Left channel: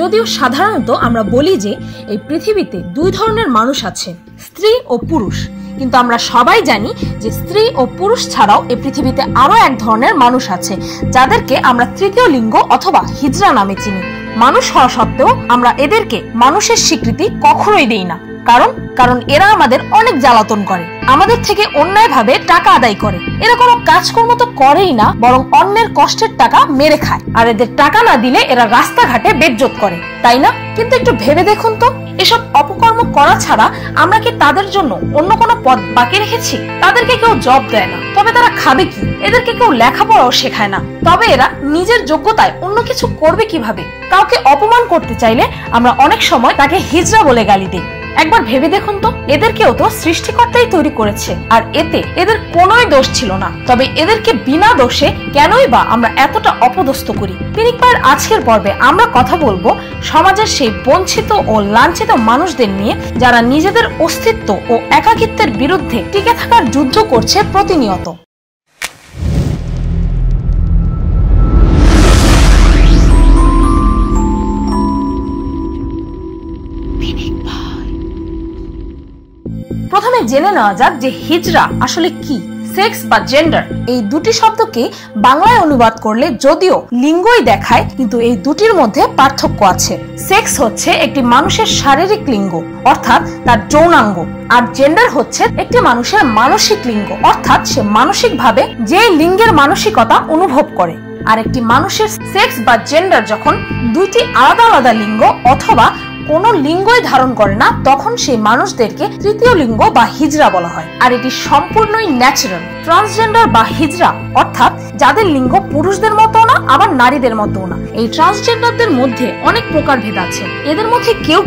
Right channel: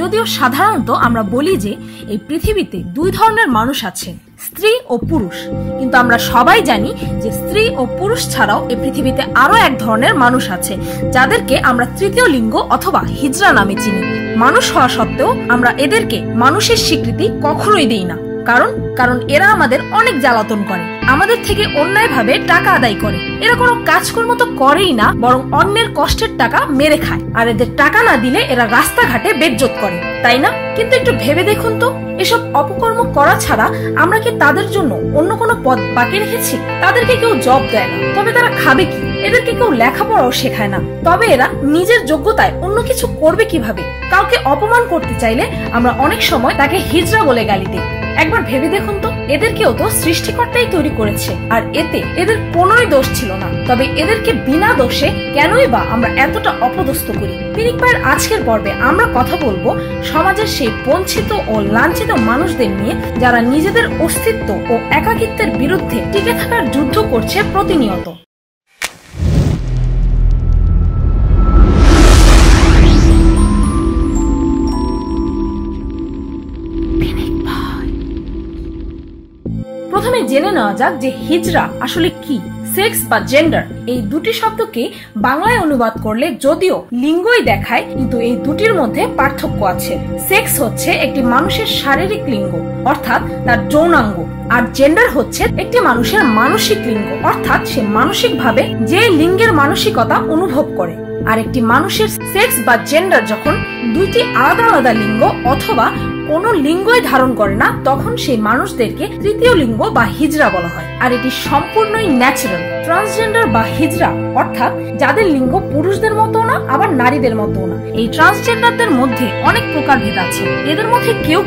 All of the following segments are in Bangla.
যদিও সাধারণত আমরা বলি যে এই পৃথিবীতে দুই ধরনের মানুষ আছে, স্ত্রী ও পুরুষ, কিন্তু আমরা সবাই জানি যে স্ত্রী ও পুরুষ ছাড়াও এই পৃথিবীতে আরো এক ধরনের মানুষ আছে, যাদেরকে আমরা তৃতীয় লিঙ্গ অথবা হিজড়া নামে চিনি। মানুষ হওয়া সত্ত্বেও আমরা এদেরকে মানুষের স্বীকৃতি কখনোই দিই না, কারণ এরা আমাদের অনেক জ্বালাতন করে, আমাদের থেকে অন্যায়ভাবে টাকা আদায় করে। এরা কোনো কাজকর্ম তো করেই না, বরং অন্যের কষ্টের টাকা মেরে খায়। আর এদের টাকা না দিলে এরা রাস্তাঘাটে বেজ্জত করে, তাই না? কিন্তু একটু ভেবে দেখুন তো, এসব অপকর্ম করা ছাড়া আমরা কি তাদের জন্য অন্য কোনো পথ বাকি রেখেছি? তাদেরকে কেউ জব দেয় না, তবে তারা খাবে কি? এদেরকে কেউ লেখাপড়াও শেখায় না, তবে এরা নিজের যোগ্যতায় অন্য কিছু করবে কিভাবে? কাউকে অপমান করতে চাইলে আমরা অনেক সময় তাকে হিজড়া বলে গালি দিই। একবার ভেবে দেখুন তো, এদেরকেও তো সৃষ্টিকর্তাই তৈরি করেছে, আর এতে এদের কোনোই দোষ ছিল না, তবে এদেরকে বিনা দোষে কেনই বা আমরা এতটা অপদস্থ করি? পিনিক পায়ের আজকের পর্বে আমরা কথা বলবো সমাজের সেই বঞ্চিত ও লাঞ্ছিত মানুষদের নিয়ে, যারা নিজেদের অস্তিত্ব ও একাকিত্বের বিরুদ্ধে টিকে থাকার যুদ্ধ করছে প্রতিনিয়ত। প্রথমে জেনে নেওয়া যাক যে হিজড়া আসলে কি। সেক্স বা জেন্ডার এই দুটি শব্দকে বাংলায় অনুবাদ করলে যদিও লিঙ্গই দেখায়, কিন্তু এই দুটির মধ্যে পার্থক্য আছে। সেক্স হচ্ছে একটি মানুষের শারীরিক লিঙ্গ, অর্থাৎ তার যৌনাঙ্গ, আর জেন্ডার হচ্ছে একটি মানুষের মানসিক লিঙ্গ, অর্থাৎ সে মানসিকভাবে যে লিঙ্গের মানসিকতা অনুভব করে। আর একটি মানুষের সেক্স বা জেন্ডার যখন দুইটি আলাদা আলাদা লিঙ্গ অথবা কোনো লিঙ্গই ধারণ করে না, তখন সেই মানুষদেরকে তৃতীয় লিঙ্গ বা হিজড়া বলা হয়। আর এটি সম্পূর্ণই ন্যাচারাল। ট্রান্সজেন্ডার বা হিজড়া অর্থাৎ যাদের লিঙ্গ পুরুষদের মতো না, আবার নারীদের মতো না। এই ট্রান্সজেন্ডারদের মধ্যে অনেক প্রকারভেদ আছে। এদের মধ্যে কেউ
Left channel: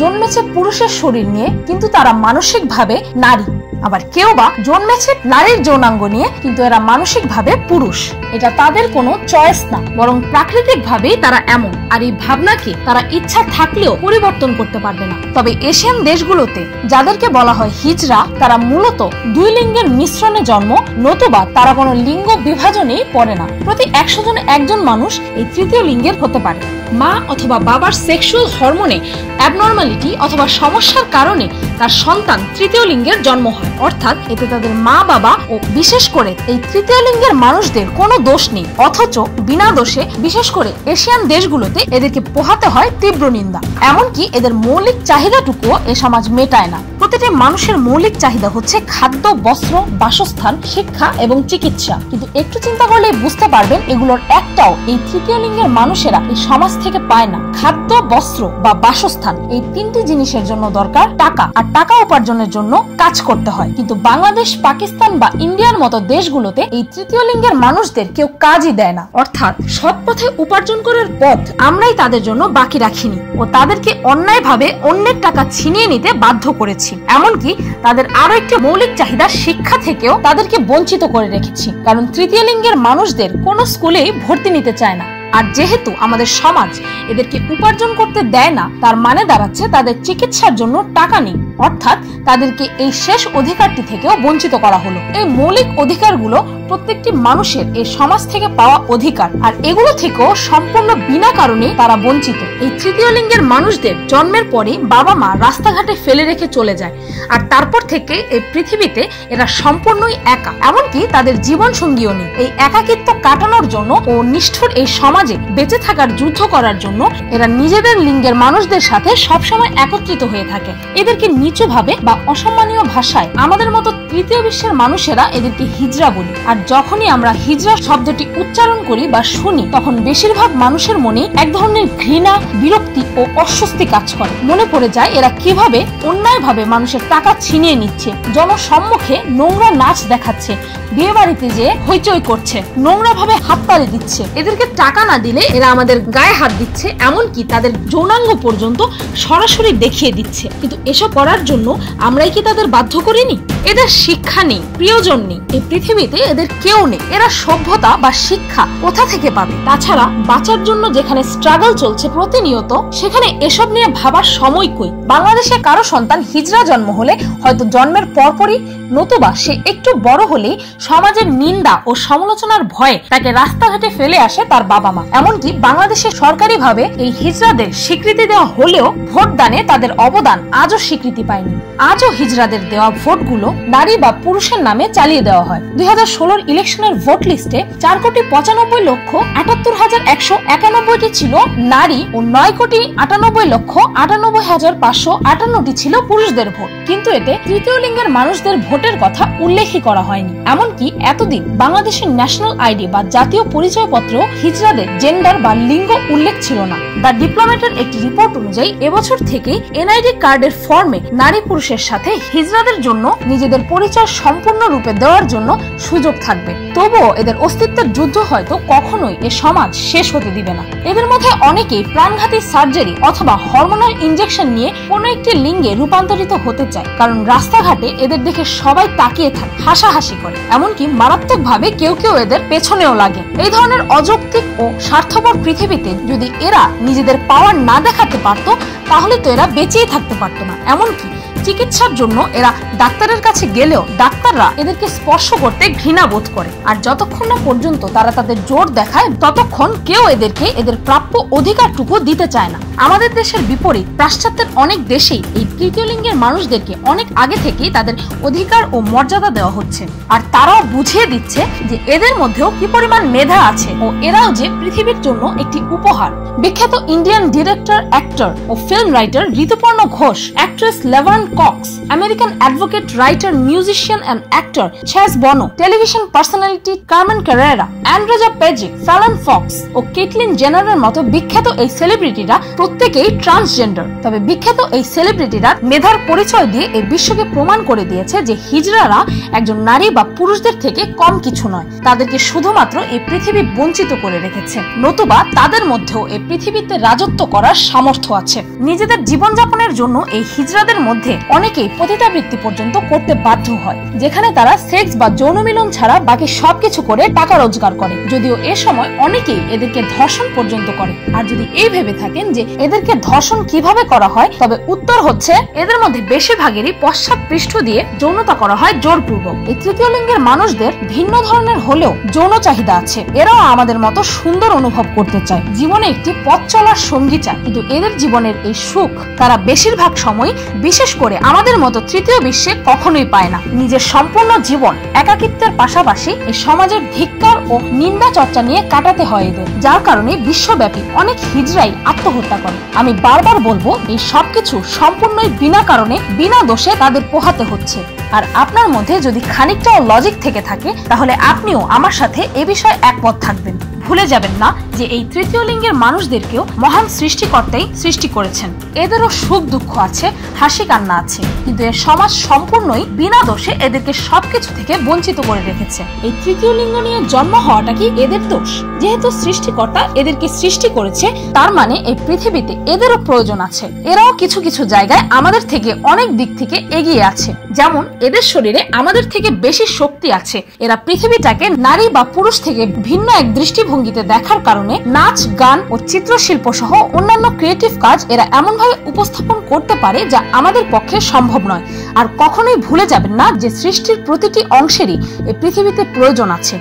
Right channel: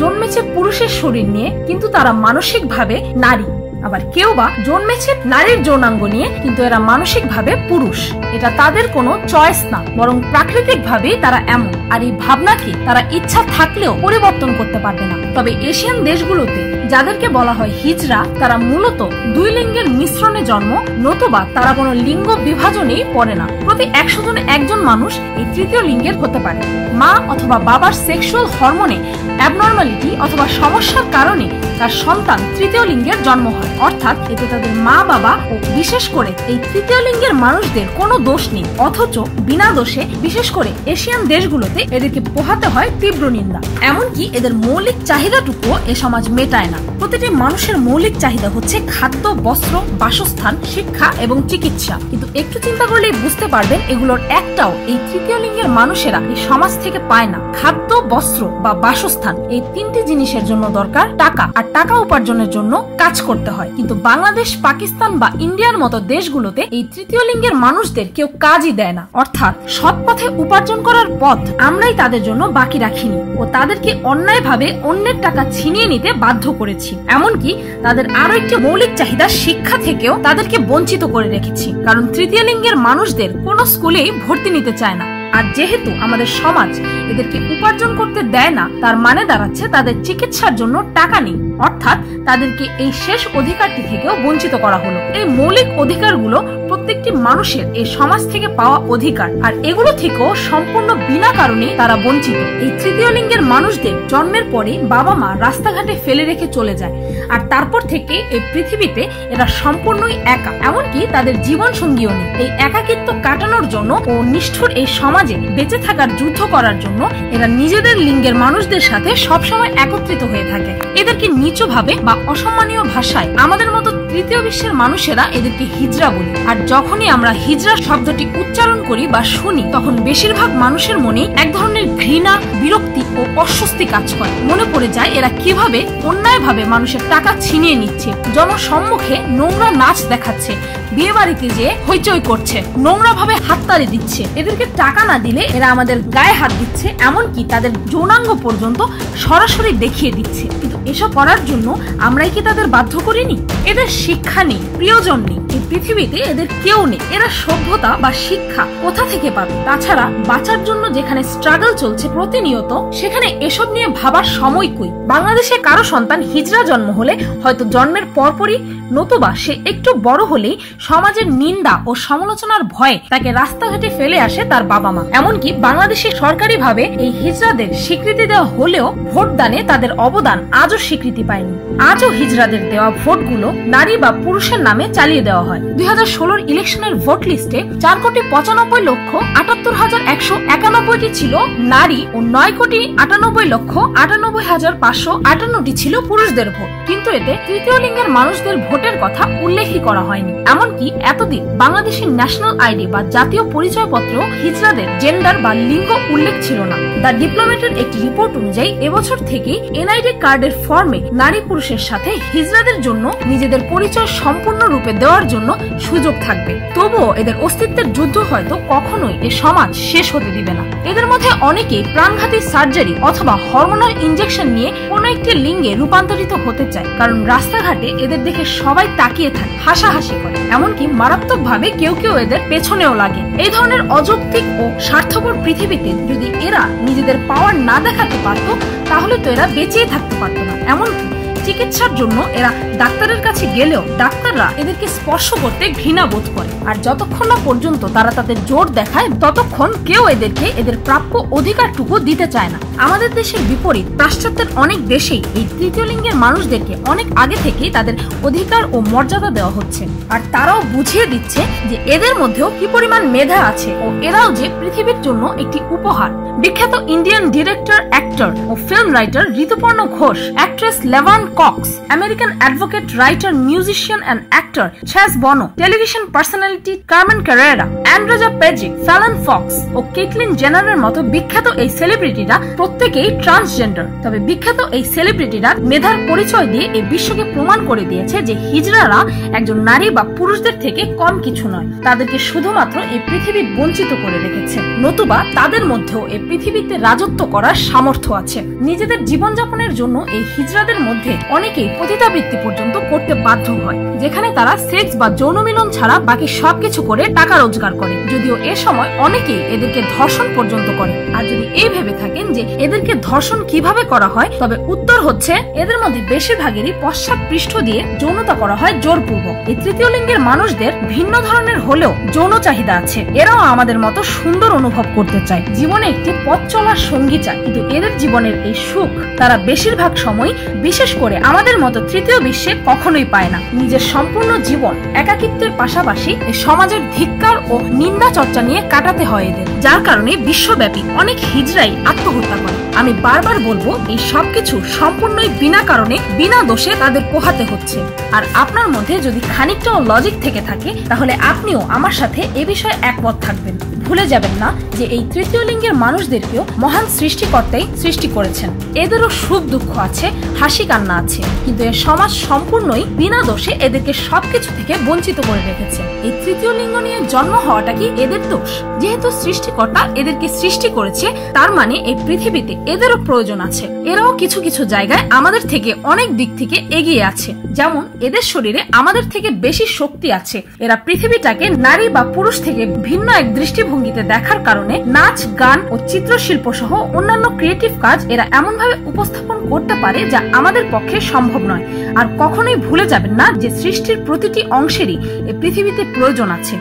জন্মেছে পুরুষের শরীর নিয়ে, কিন্তু তারা মানসিকভাবে নারী। আবার কেউ বা জন্মেছে নারীর যৌনাঙ্গ নিয়ে, কিন্তু এরা মানসিকভাবে পুরুষ। এটা তাদের কোনো চয়েস না, বরং প্রাকৃতিক ভাবেই তারা এমন। আর এই ভাবনাকে তারা ইচ্ছা থাকলেও পরিবর্তন করতে পারবে না। তবে এশিয়ান দেশগুলোতে যাদেরকে বলা হয় হিজড়া, তারা মূলত দুই লিঙ্গের মিশ্রণে জন্ম, নতুবা তারা কোনো লিঙ্গ বিভাজনেই পড়ে না। প্রতি 100 জনে একজন মানুষ এই তৃতীয় লিঙ্গের হতে পারে। মা অথবা বাবার সেক্সুয়াল হরমোনে অ্যাবনর্মালিটি অথবা সমস্যার কারণে তার সন্তান তৃতীয় লিঙ্গের জন্ম হয়, অর্থাৎ এতে তাদের মা বাবা ও বিশেষ করে এই তৃতীয় লিঙ্গের মানুষদের কোনো দোষ নেই। অথচ বিনা দোষে বিশেষ করে এশিয়ান দেশগুলোতে এদেরকে পোহাতে হয় তীব্র নিন্দা। এমনকি এদের মৌলিক চাহিদাটুকুও এ সমাজ মেটায় না। প্রতিটি মানুষের মৌলিক চাহিদা হচ্ছে খাদ্য, বস্ত্র, বাসস্থান, শিক্ষা এবং চিকিৎসা, কিন্তু একটু চিন্তা করলেই বুঝতে পারবেন এগুলোর একটাও এই তৃতীয় লিঙ্গের মানুষেরা এই সমাজ থেকে পায় না। খাদ্য, বস্ত্র বা বাসস্থান এই তিনটি জিনিসের জন্য দরকার টাকা, আর টাকা উপার্জনের জন্য কাজ করতে হয়। কিন্তু বাংলাদেশ, পাকিস্তান বা ইন্ডিয়ার মতো দেশগুলোতে এই তৃতীয় লিঙ্গের মানুষদের কেউ কাজই দেয় না, অর্থাৎ সৎ পথে উপার্জন করার পথ আমরাই তাদের জন্য বাকি রাখিনি ও তাদেরকে অন্যায়ভাবে অন্যের টাকা ছিনিয়ে নিতে বাধ্য করেছি। এমনকি তাদের আরো একটি মৌলিক চাহিদা শিক্ষা থেকেও তাদেরকে বঞ্চিত করে রেখেছি, কারণ তৃতীয় লিঙ্গের মানুষদের কোনো স্কুলেই ভর্তি নিতে চায় না। আর যেহেতু আমাদের সমাজ এদেরকে উপার্জন করতে দেয় না, তার মানে দাঁড়াচ্ছে তাদের চিকিৎসার জন্য টাকা নেই, অর্থাৎ তাদেরকে এই শেষ অধিকারটি থেকেও বঞ্চিত করা হলো। এই মৌলিক অধিকারগুলো প্রত্যেকটি মানুষের এই সমাজ থেকে পাওয়া অধিকার, আর এগুলো থেকেও সম্পূর্ণ বিনা কারণে তারা বঞ্চিত। এই তৃতীয় লিঙ্গের মানুষদের জন্মের পরে বাবা মা রাস্তাঘাটে ফেলে রেখে চলে যায়, আর তারপর থেকে এই পৃথিবীতে এরা সম্পূর্ণই একা, এমনকি তাদের জীবন সঙ্গীও নেই। এই একাকিত্ব কাটানোর জন্য ও নিষ্ঠুর এই সমাজে বেঁচে থাকার যুদ্ধ করার জন্য এরা নিজেদের লিঙ্গের মানুষদের সাথে সবসময় একত্রিত হয়ে থাকে। এদেরকে নিচু ভাবে বা অসম্মানীয় ভাষায় আমাদের মতো তৃতীয় বিশ্বের মানুষেরা এদেরকে হিজড়া বলি। আর যখনই আমরা হিজড়া শব্দটি উচ্চারণ করি বা শুনি, তখন বেশিরভাগ মানুষের মনে এক ধরনের ঘৃণা, বিরক্তি ও অস্বস্তি কাজ করে। মনে পড়ে যায় এরা কিভাবে অন্যায়ভাবে মানুষের টাকা ছিনিয়ে নিচ্ছে, জনসম্মুখে নোংরা নাচ দেখাচ্ছে, বিয়ে বাড়িতে যে হইচই করছে, নোংরা ভাবে হাততালি দিচ্ছে। এদেরকে টাকা না দিলে এরা আমাদের গায়ে হাত দিচ্ছে, এমনকি তাদের যৌনাঙ্গ পর্যন্ত সরাসরি দেখিয়ে দিচ্ছে। কিন্তু এসব করার জন্য আমরাই কি তাদের বাধ্য করিনি? এদের শিক্ষা নেই, প্রিয়জন নেই, এই পৃথিবীতে এদের কেউ নেই। এরা সভ্যতা বা শিক্ষা কোথা থেকে পাবে? তাছাড়া বাঁচার জন্য যেখানে স্ট্রাগল চলছে প্রতিনিয়ত, সেখানে এসব নিয়ে ভাবার সময় কই? বাংলাদেশে কারো সন্তান হিজড়া জন্ম হলে হয়তো জন্মের পরপরই, নতুবা সে একটু বড় হলেই সমাজের নিন্দা ও সমালোচনার ভয়ে তাকে রাস্তাঘাটে ফেলে আসে তার বাবা মা। এমনকি বাংলাদেশে সরকারিভাবে এই হিজড়াদের স্বীকৃতি দেওয়া হলেও ভোটদানে তাদের অবদান আজও স্বীকৃতি পায়নি। আজও হিজড়াদের দেওয়া ভোটগুলো নারী বা পুরুষের নামে চালিয়ে দেওয়া হয়। 2016 ইলেকশনের ভোট লিস্টে 4,95,78,191টি ছিল নারী ও 9,98,98,558টি ছিল পুরুষদের ভোট, কিন্তু এতে তৃতীয় লিঙ্গের মানুষদের ভোটের কথা উল্লেখই করা হয়নি। এমনকি এতদিন বাংলাদেশের ন্যাশনাল আইডি বা জাতীয় পরিচয়পত্র হিজড়াদের জেন্ডার বা লিঙ্গ উল্লেখ ছিল না। দ্য ডিপ্লোম্যাটের একটি রিপোর্ট অনুযায়ী এবছর থেকে এনআইডি কার্ডের ফর্মে নারী পুরুষের সাথে হিজড়াদের জন্য নিজেদের পরিচয় সম্পূর্ণরূপে দেওয়ার জন্য সুযোগ থাকবে। তবুও এদের অস্তিত্বের যুদ্ধ হয়তো কখনোই এ সমাজ শেষ হতে দিবে না। এদের মধ্যে অনেকেই প্রাণঘাতী সার্জারি অথবা হরমোনাল ইনজেকশন নিয়ে কোনো একটি লিঙ্গে রূপান্তরিত হতে চায়, কারণ রাস্তাঘাটে এদের দেখে সবাই তাকিয়ে থাকে, হাসাহাসি করে, এমনকি মারাত্মকভাবে কেউ কেউ এদের পেছনেও লাগে। এই ধরনের অযৌক্তিক ও স্বার্থপর পৃথিবীতে যদি এরা নিজেদের পাওয়ার না দেখাতে পারত, তাহলে তো এরা বেঁচেই থাকতে পারত না। এমনকি চিকিৎসার জন্য এরা ডাক্তারের কাছে গেলেও ডাক্তাররা এদেরকে স্পর্শ করতে ঘৃণা বোধ করে। আর যতক্ষণ না পর্যন্ত তারা তাদের জোর দেখায়, ততক্ষণ কেউ এদেরকে এদের প্রাপ্য অধিকারটুকু দিতে চায় না। আমাদের দেশের বিপরীত পাশ্চাত্যের অনেক দেশেই এই তৃতীয় লিঙ্গের মানুষদেরকে অনেক আগে থেকেই তাদের অধিকার ও মর্যাদা দেওয়া হচ্ছে, আর তারাও বুঝিয়ে দিচ্ছে যে এদের মধ্যেও কি পরিমাণ মেধা আছে ও এরাও যে পৃথিবীর জন্য একটি উপহার। বিখ্যাত ইন্ডিয়ান ডিরেক্টর, অ্যাক্টর ও film writer Rituparno Ghosh, actress Laverne Cox, American advocate, writer, musician and actor Chaz Bono, television personality Carmen Carrera, Andreja Pejic, Fallon Fox ও কেটলিন জেনারের মতো বিখ্যাত এই সেলিব্রিটিরা প্রত্যেকেই ট্রান্সজেন্ডার। তবে বিখ্যাত এই সেলিব্রিটিরা মেধার পরিচয় দিয়ে এই বিশ্বকে প্রমাণ করে দিয়েছে যে হিজড়ারা একজন নারী বা পুরুষদের থেকে কম কিছু নয়। তাদেরকে শুধুমাত্র এই পৃথিবী বঞ্চিত করে রেখেছে, নতুবা তাদের মধ্যেও এই পৃথিবীতে রাজত্ব করার সামর্থ্য আছে। নিজেদের জীবনযাপনের জন্য এই হিজড়াদের মধ্যে অনেকেই পতিতাবৃত্তি পর্যন্ত করতে বাধ্য হয়, যেখানে তারা সেক্স বা যৌন মিলন ছাড়া বাকি সবকিছু করে টাকা রোজগার করে। যদিও এ সময় অনেকেই এদেরকে ধর্ষণ পর্যন্ত করে। আর যদি এই ভেবে থাকেন যে এদেরকে ধর্ষণ কিভাবে করা হয়, তবে উত্তর হচ্ছে এদের মধ্যে বেশিরভাগেরই পশ্চাৎ পৃষ্ঠ দিয়ে যৌনতা করা হয় জোরপূর্বক। এই তৃতীয় লিঙ্গের মানুষদের ভিন্ন ধরনের হলেও যৌন চাহিদা আছে। এরাও আমাদের মতো সুন্দর অনুভব করতে চায়, জীবনে একটি পথ চলার সঙ্গী চায়, কিন্তু এদের জীবনের এই সুখ তারা বেশিরভাগ সময়, বিশেষ করে আমাদের মতো তৃতীয় বিশ্বে, কখনোই পায় না। নিজের সম্পূর্ণ জীবন একাকিত্বের পাশাপাশি এই সমাজের ধিক্কার ও নিন্দা চর্চা নিয়ে কাটাতে হয় এদের, যার কারণে বিশ্বব্যাপী অনেক হিজড়াই আত্মহত্যা করে। আমি বারবার বলবো, এই সবকিছু সম্পূর্ণই বিনা কারণে, বিনা দোষে তাদের পোহাতে হচ্ছে। আর আপনার মধ্যে যদি খানিকটাও লজিক থেকে থাকে, তাহলে আপনিও আমার সাথে এ বিষয়ে একমত থাকবেন। ভুলে যাবেন না যে এই তৃতীয় লিঙ্গের মানুষদেরকেও মহান সৃষ্টিকর্তাই সৃষ্টি করেছেন। এদেরও সুখ দুঃখ আছে, হাসি কান্না আছে, কিন্তু এর সমাজ সম্পূর্ণই বিনা দোষে এদেরকে সবকিছু থেকে বঞ্চিত করে রেখেছে। এই তৃতীয় লিঙ্গ নিয়ে জন্ম হওয়াটা কি এদের দোষ? যেহেতু সৃষ্টিকর্তা এদেরকে সৃষ্টি করেছে, তার মানে এই পৃথিবীতে এদেরও প্রয়োজন আছে। এরাও কিছু কিছু জায়গায় আমাদের থেকে অনেক দিক থেকে এগিয়ে আছে। যেমন এদের শরীরে আমাদের থেকে বেশি শক্তি আছে। এরা পৃথিবীটাকে নারী বা পুরুষ থেকে ভিন্ন এক দৃষ্টিভঙ্গিতে দেখার কারণে নাচ, গান ও চিত্রশিল্প সহ অন্যান্য ক্রিয়েটিভ কাজ এরা এমনভাবে উপস্থাপন করতে পারে যা আমাদের পক্ষে সম্ভব নয়। আর কখনোই ভুলে যাবেন না যে সৃষ্টির প্রতিটি অংশেরই এই পৃথিবীতে প্রয়োজন আছে।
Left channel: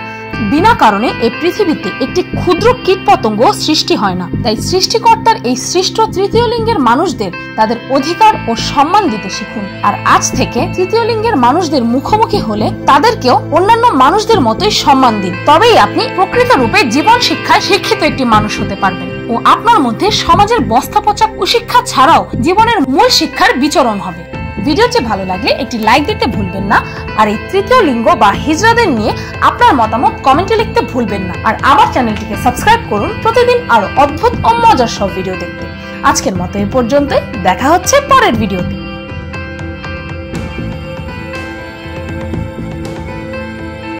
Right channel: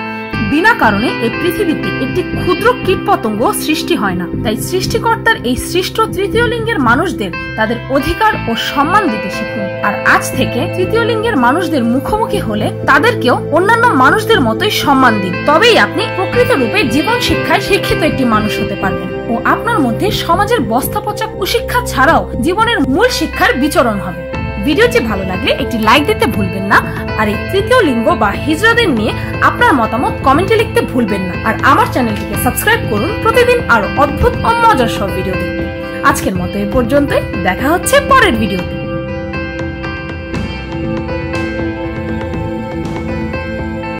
বিনা কারণে এই পৃথিবীতে একটি ক্ষুদ্র কীটপতঙ্গ সৃষ্টি হয় না। তাই সৃষ্টিকর্তার এই সৃষ্ট তৃতীয় লিঙ্গের মানুষদের তাদের অধিকার ও সম্মান দিতে শিখুন। আর আজ থেকে তৃতীয় লিঙ্গের মানুষদের মুখোমুখি হলে তাদেরকেও অন্যান্য মানুষদের মতোই সম্মান দিন। তবেই আপনি প্রকৃত রূপে জীবন শিক্ষায় শিক্ষিত একটি মানুষ হতে পারবেন ও আপনার মধ্যে সমাজের বস্তা পচা কুশিক্ষা ছাড়াও জীবনের মূল শিক্ষার বিচরণ হবে। ভিডিওটি ভালো লাগলে একটি লাইক দিতে ভুলবেন না। আর এই তৃতীয় লিঙ্গ বা হিজড়াদের নিয়ে আপনার মতামত কমেন্টে লিখতে ভুলবেন না। আর আমার চ্যানেলটিকে সাবস্ক্রাইব করুন প্রতিদিন আরো অদ্ভুত ও মজার সব ভিডিও দেখতে। আজকের মতো এই পর্যন্ত, দেখা হচ্ছে পরের ভিডিওতে।